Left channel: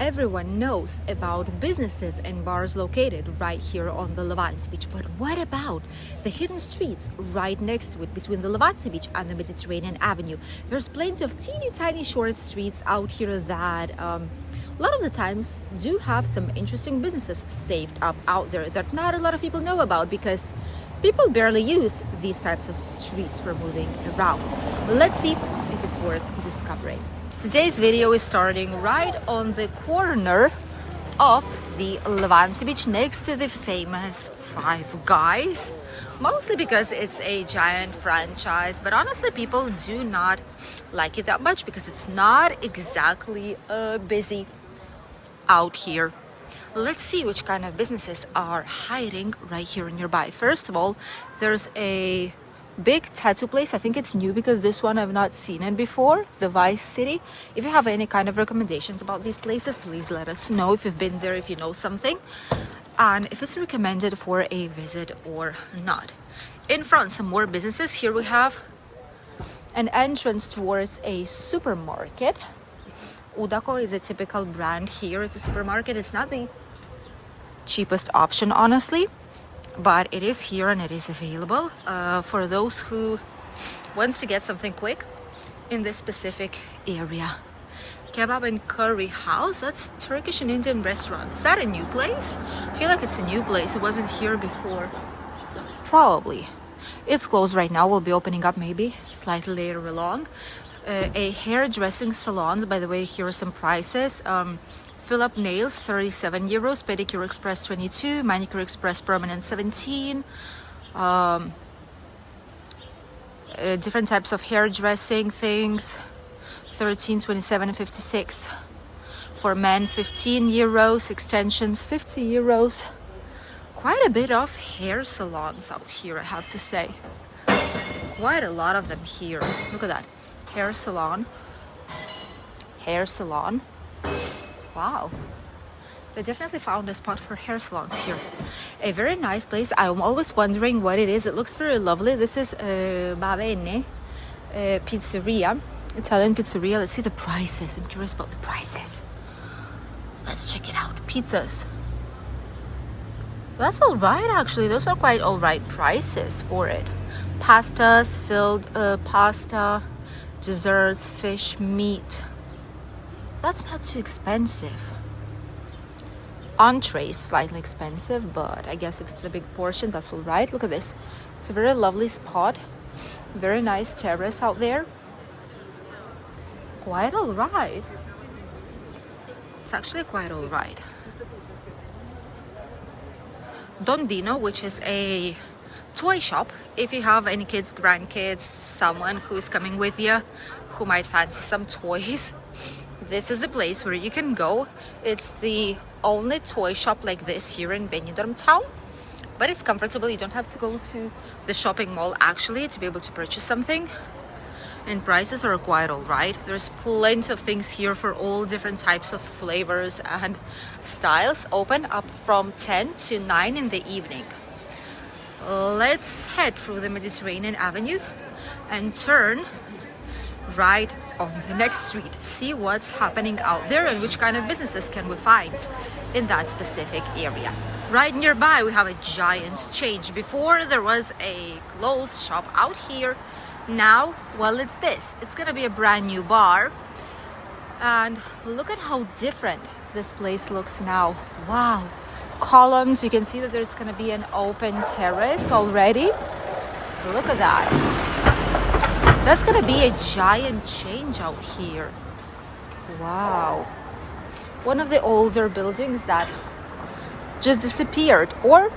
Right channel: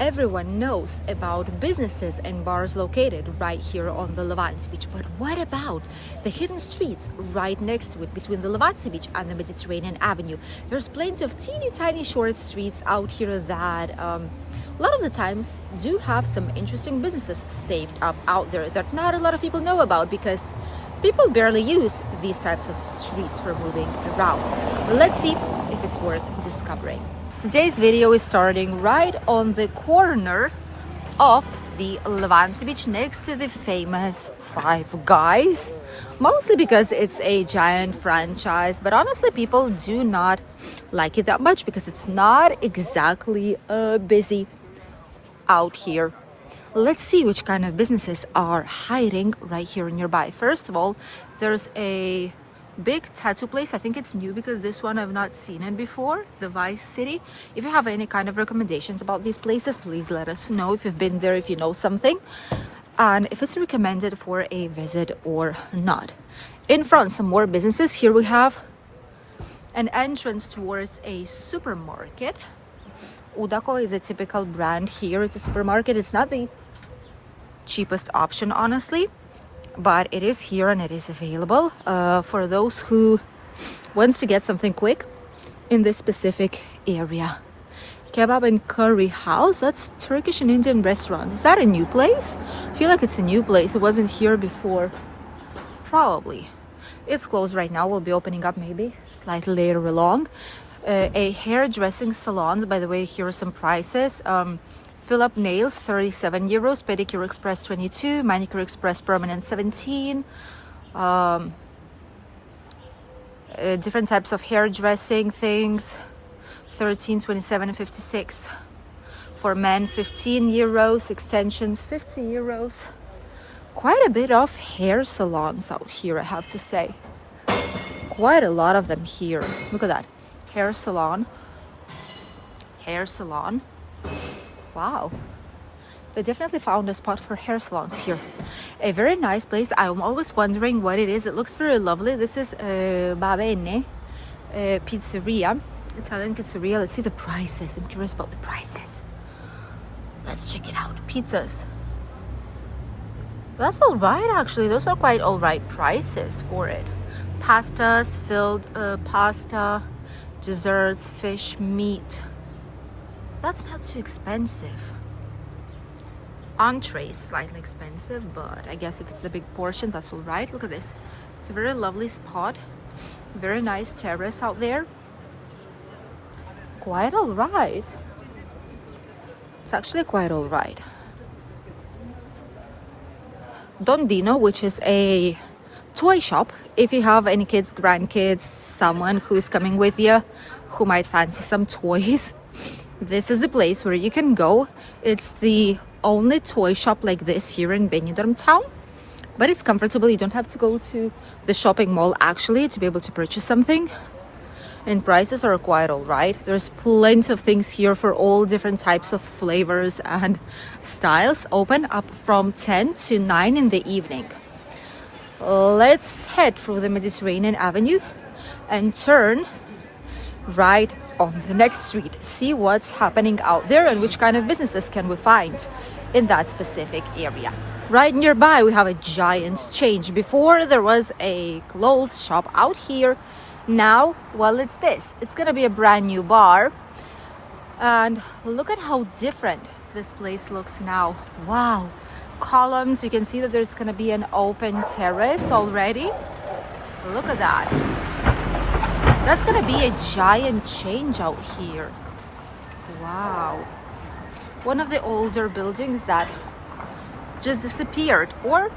Everyone knows about businesses and bars located right here on the Levante beach, but what about the hidden streets right next to it between the Levante beach and the Mediterranean Avenue? There's plenty of teeny tiny short streets out here that a lot of the times do have some interesting businesses saved up out there that not a lot of people know about because people barely use these types of streets for moving around. Let's see if it's worth discovering. Today's video is starting right on the corner of the Levante beach next to the famous Five Guys. Mostly because it's a giant franchise, but honestly people do not like it that much because it's not exactly busy out here. Let's see which kind of businesses are hiding right here nearby. First of all, there's a big tattoo place. I think it's new because this one I've not seen it before, the Vice City. If you have any kind of recommendations about these places, please let us know if you've been there, if you know something, and if it's recommended for a visit or not. In front, some more businesses. Here we have an entrance towards a supermarket. Udako is a typical brand here. It's a supermarket. It's not the cheapest option, honestly, but it is here and it is available for those who wants to get something quick in this specific area. Kebab and Curry House, that's Turkish and Indian restaurant. Is that a new place? I feel like it's a new place. It wasn't here before. Probably. It's closed right now. We'll be opening up maybe slightly later along. A hairdressing salons, by the way, here are some prices. Fill up nails 37 euros, pedicure express 22, manicure express permanent 17. Different types of hairdressing things 13, 27 and 56. For men 15 euros, extensions 50 euros. Quite a bit of hair salons out here, I have to say. Quite a lot of them here. Look at that. Hair salon. Wow, they definitely found a spot for hair salons here. A very nice place. I'm always wondering what it is. It looks very lovely. This is Bavene Pizzeria, Italian pizzeria. Let's see the prices. I'm curious about the prices. Let's check it out. Pizzas. That's all right, actually. Those are quite all right prices for it. Pastas, filled pasta, desserts, fish, meat. That's not too expensive. Entrees slightly expensive, but I guess if it's a big portion, that's all right. Look at this. It's a very lovely spot. Very nice terrace out there. Quite all right. It's actually quite all right. Don Dino, which is a toy shop. If you have any kids, grandkids, someone who's coming with you who might fancy some toys, this is the place where you can go. It's the only toy shop like this here in Benidorm town, but it's comfortable. You don't have to go to the shopping mall actually to be able to purchase something, and prices are quite all right. There's plenty of things here for all different types of flavors and styles. Open up from 10 to 9 in the evening. Let's head through the Mediterranean Avenue and turn right on the next street. See what's happening out there and which kind of businesses can we find in that specific area. Right nearby we have a giant change. Before there was a clothes shop out here. Now, well, it's this. It's gonna be a brand new bar. And look at how different this place looks now. Wow. Columns. You can see that there's gonna be an open terrace already. Look at that. That's gonna be a giant change out here. Wow. One of the older buildings that just disappeared or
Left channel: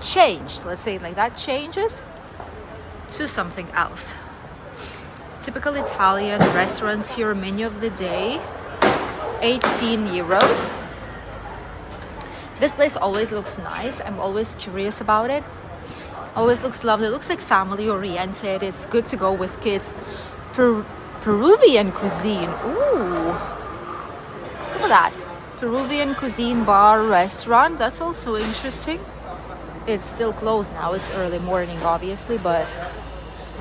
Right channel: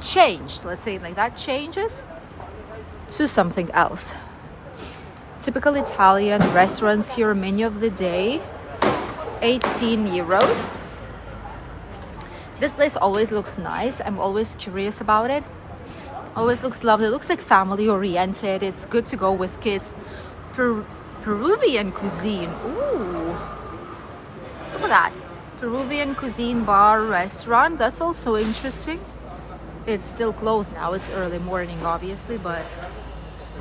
changed, let's say it like that, changes to something else. Typical Italian restaurants here, menu of the day, 18 euros. This place always looks nice. I'm always curious about it. Always looks lovely. Looks like family oriented. It's good to go with kids. Peruvian cuisine. Ooh, look at that. Peruvian cuisine bar restaurant. That's also interesting. It's still closed now. It's early morning, obviously, but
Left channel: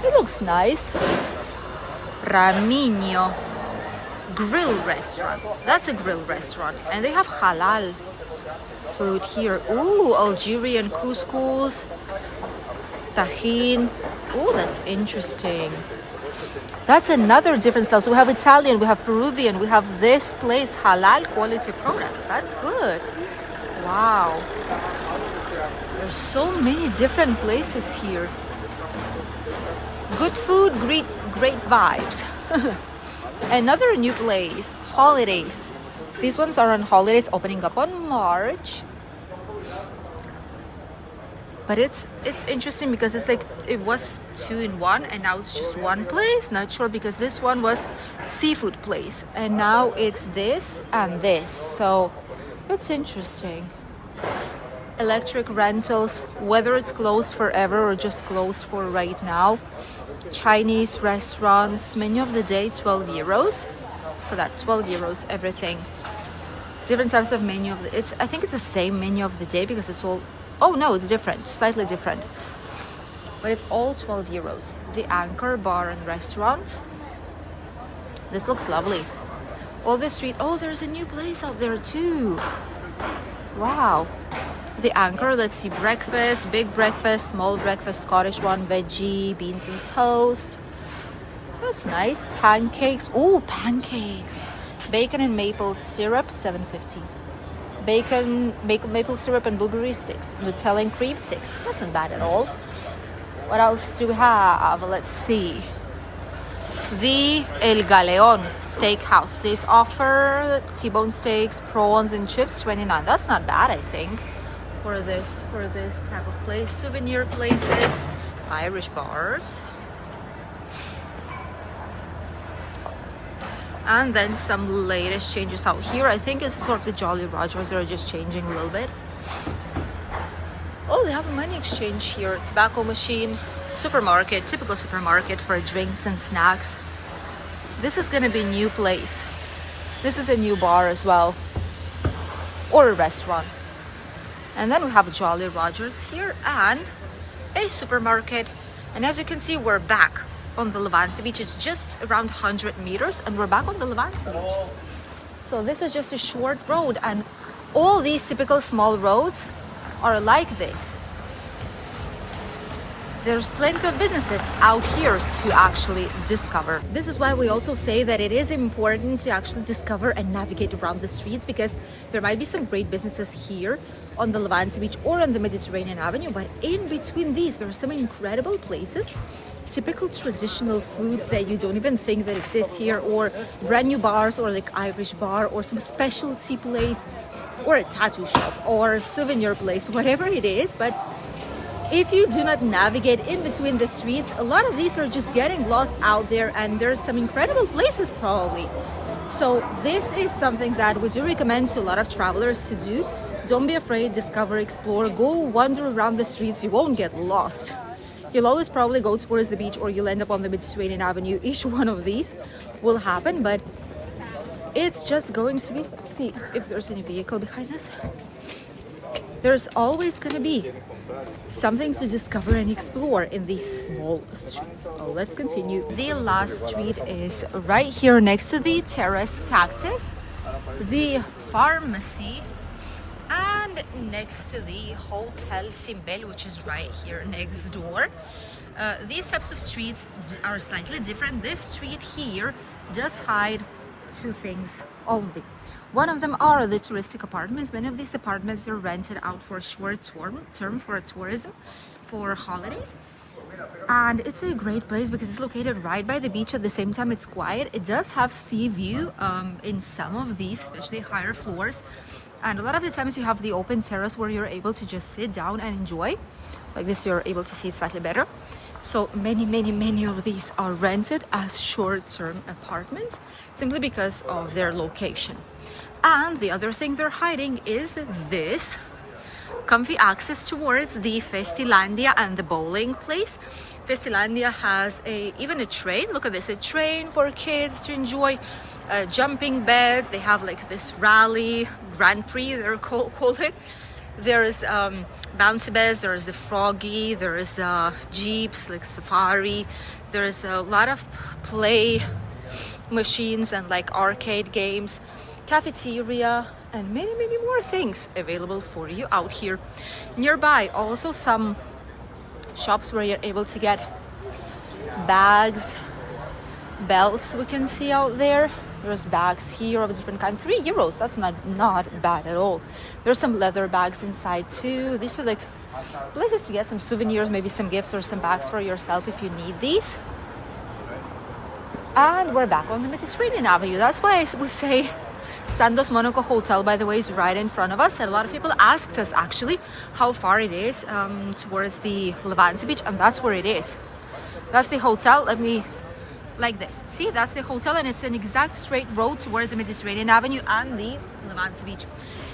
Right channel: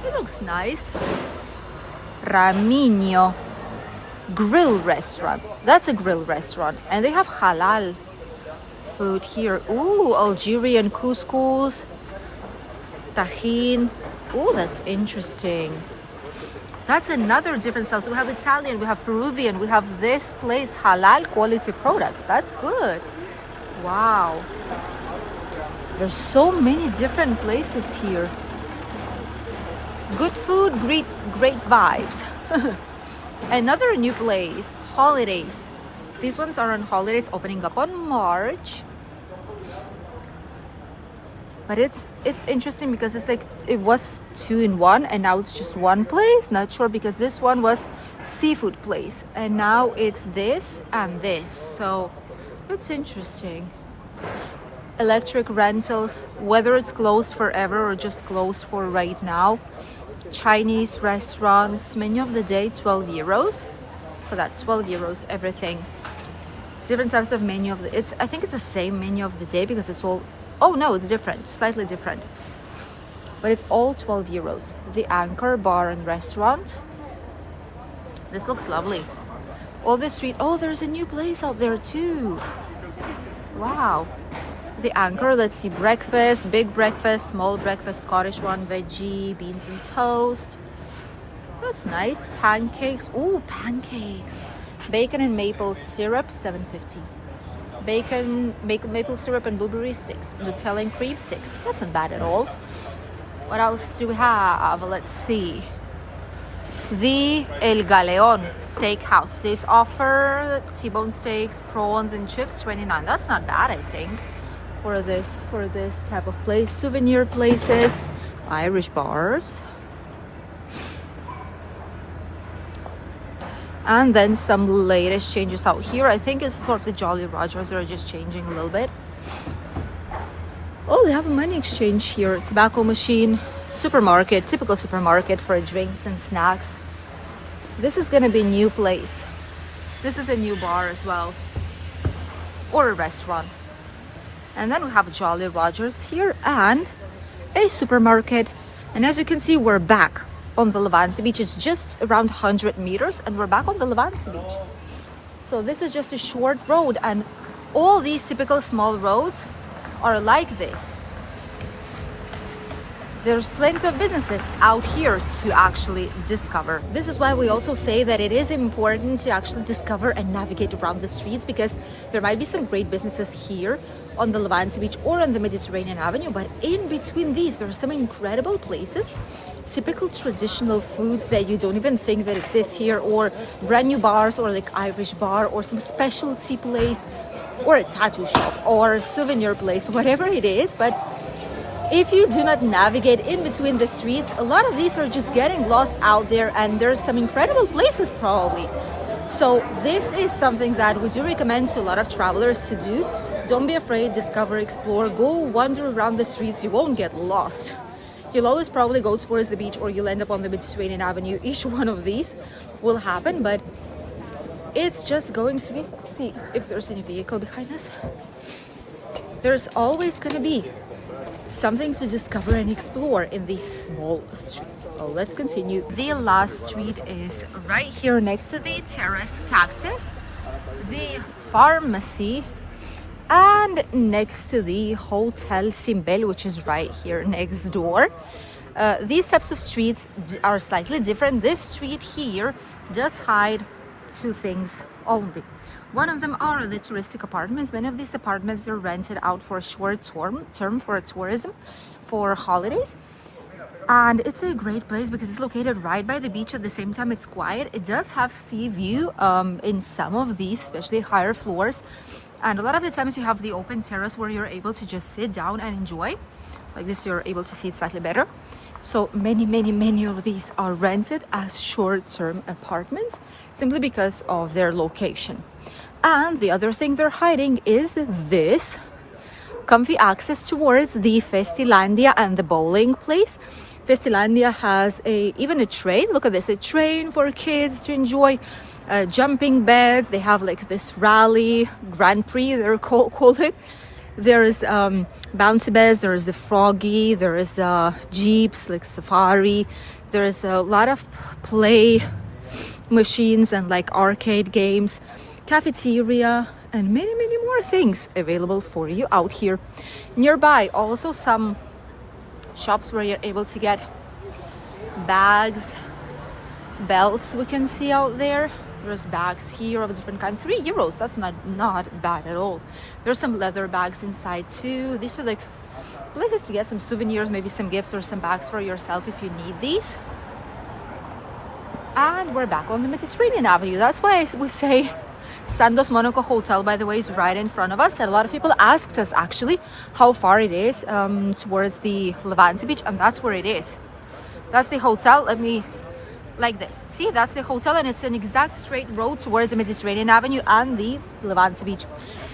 it looks nice. Ramino. grill restaurant. That's a grill restaurant. And they have halal food here. Ooh, Algerian couscous, tajin. Oh, that's interesting. That's another different style. So we have Italian, we have Peruvian, we have this place, halal quality products. That's good. Wow. There's so many different places here. Good food, great vibes. Another new place, holidays. These ones are on holidays, opening up on March. But it's interesting because it's like it was 2 in 1 and now it's just one place. Not sure because this one was seafood place and now it's this and this. So it's interesting. Electric rentals, whether it's closed forever or just closed for right now. Chinese restaurants, menu of the day, 12 euros. For that, 12 euros, everything. Different types of menu of the, I think it's the same menu of the day because it's all, oh no, it's different, slightly different. But it's all 12 euros. The Anchor Bar and Restaurant. This looks lovely. All the street, oh, there's a new place out there too. Wow. The Anchor, let's see, breakfast, big breakfast, small breakfast, Scottish one, veggie, beans and toast. That's nice. Pancakes, ooh, pancakes. Bacon and maple syrup, 7.50. Bacon, maple syrup and blueberries, 6. Nutella and cream, 6. That's not bad at all. What else do we have? Let's see. The El Galeon Steakhouse. They offer T-bone steaks, prawns and chips, 29. That's not bad, I think, for this type of place. Souvenir places, Irish bars. And then some latest changes out here. I think it's sort of the Jolly Rogers are just changing a little bit. Oh, they have a money exchange here. Tobacco machine, supermarket, typical supermarket for drinks and snacks. This is gonna be a new place. This is a new bar as well, or a restaurant. And then we have a Jolly Rogers here and a supermarket. And as you can see, we're back on the Levante beach. It's just around 100 meters and we're back on the Levante beach. So this is just a short road and all these typical small roads are like this. There's plenty of businesses out here to actually discover. This is why we also say that it is important to actually discover and navigate around the streets, because there might be some great businesses here on the Levante beach or on the Mediterranean Avenue, but in between these there are some incredible places, typical traditional foods that you don't even think that exist here, or brand new bars, or like Irish bar, or some specialty place, or a tattoo shop, or a souvenir place, whatever it is. But if you do not navigate in between the streets, a lot of these are just getting lost out there, and there's some incredible places probably. So this is something that we do recommend to a lot of travelers to do. Don't be afraid, discover, explore, go wander around the streets. You won't get lost. You'll always probably go towards the beach or you'll end up on the Mediterranean Avenue. Each one of these will happen, but it's just going to be, let's see if there's any vehicle behind us. There's always going to be something to discover and explore in these small streets. Oh, let's continue. The last street is right here next to the Terrace Cactus, the pharmacy, and next to the Hotel Simbel, which is right here next door. These types of streets are slightly different. This street here does hide two things only. One of them are the touristic apartments. Many of these apartments are rented out for a short term for tourism, for holidays. And it's a great place because it's located right by the beach. At the same time, it's quiet. It does have sea view in some of these, especially higher floors. And a lot of the times you have the open terrace where you're able to just sit down and enjoy. Like this, you're able to see it slightly better. So many of these are rented as short-term apartments simply because of their location. And the other thing they're hiding is this comfy access towards the Festilandia and the bowling place. Festilandia has even a train. Look at this, a train for kids to enjoy. Jumping beds. They have like this rally Grand Prix, they're call it. There is bouncy beds, there is the Froggy, there is jeeps like safari. There is a lot of play machines and like arcade games, cafeteria, and many more things available for you out here. Nearby also some shops where you're able to get bags, belts we can see out there. There's bags here of different kind. €3, that's not bad at all. There's some leather bags inside too. These are like places to get some souvenirs, maybe some gifts or some bags for yourself if you need these. And we're back on the Mediterranean Avenue. That's why we say Sandos Monaco Hotel, by the way, is right in front of us. And a lot of people asked us actually how far it is towards the Levante beach, and that's where it is. That's the hotel. Let me, like this. See, that's the hotel, and it's an exact straight road towards the Mediterranean Avenue and the Levante beach.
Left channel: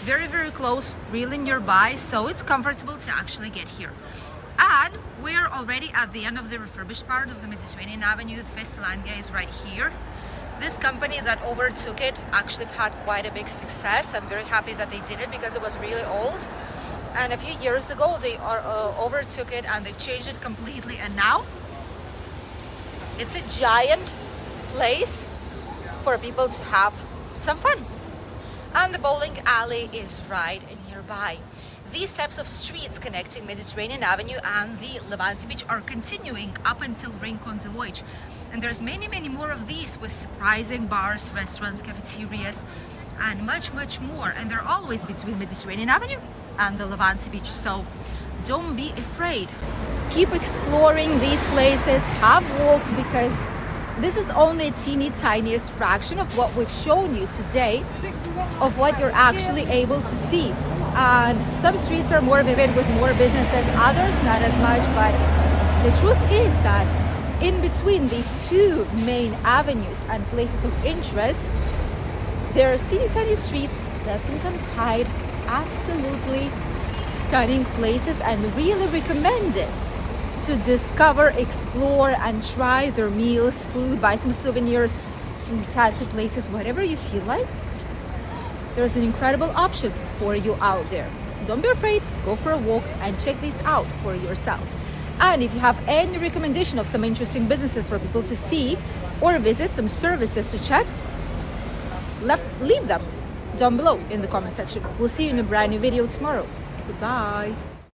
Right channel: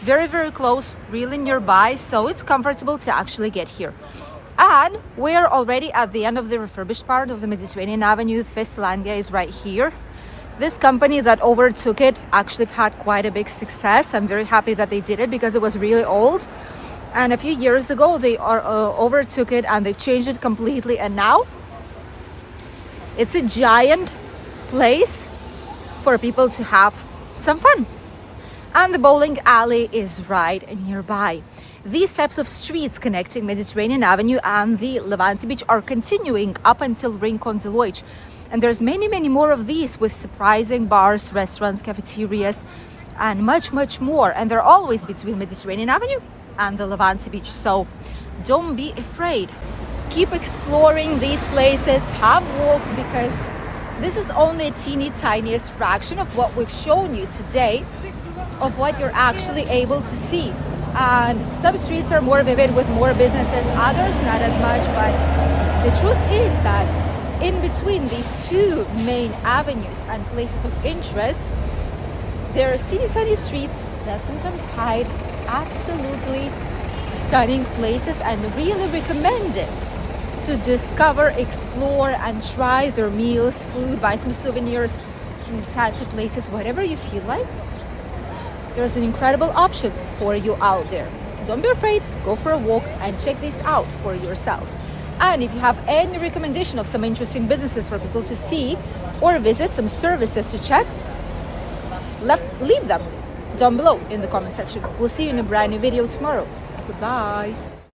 Very close, really nearby, so it's comfortable to actually get here. And we're already at the end of the refurbished part of the Mediterranean Avenue. Festlandia is right here. This company that overtook it actually had quite a big success. I'm very happy that they did it because it was really old. And a few years ago, they overtook it and they've changed it completely. And now it's a giant place for people to have some fun. And the bowling alley is right nearby. These types of streets connecting Mediterranean Avenue and the Levante beach are continuing up until Rincon de Loix. And there's many more of these with surprising bars, restaurants, cafeterias, and much more. And they're always between Mediterranean Avenue and the Levante beach. So don't be afraid. Keep exploring these places, have walks, because this is only a teeny tiniest fraction of what we've shown you today, of what you're actually able to see. And some streets are more vivid with more businesses, others not as much. But the truth is that in between these two main avenues and places of interest, there are teeny tiny streets that sometimes hide absolutely stunning places, and really recommend it to discover, explore, and try their meals, food, buy some souvenirs from the tattoo places, whatever you feel like. There's an incredible option for you out there. Don't be afraid, go for a walk and check this out for yourselves. And if you have any recommendation of some interesting businesses for people to see or visit, some services to check, leave them down below in the comment section. We'll see you in a brand new video tomorrow. Goodbye.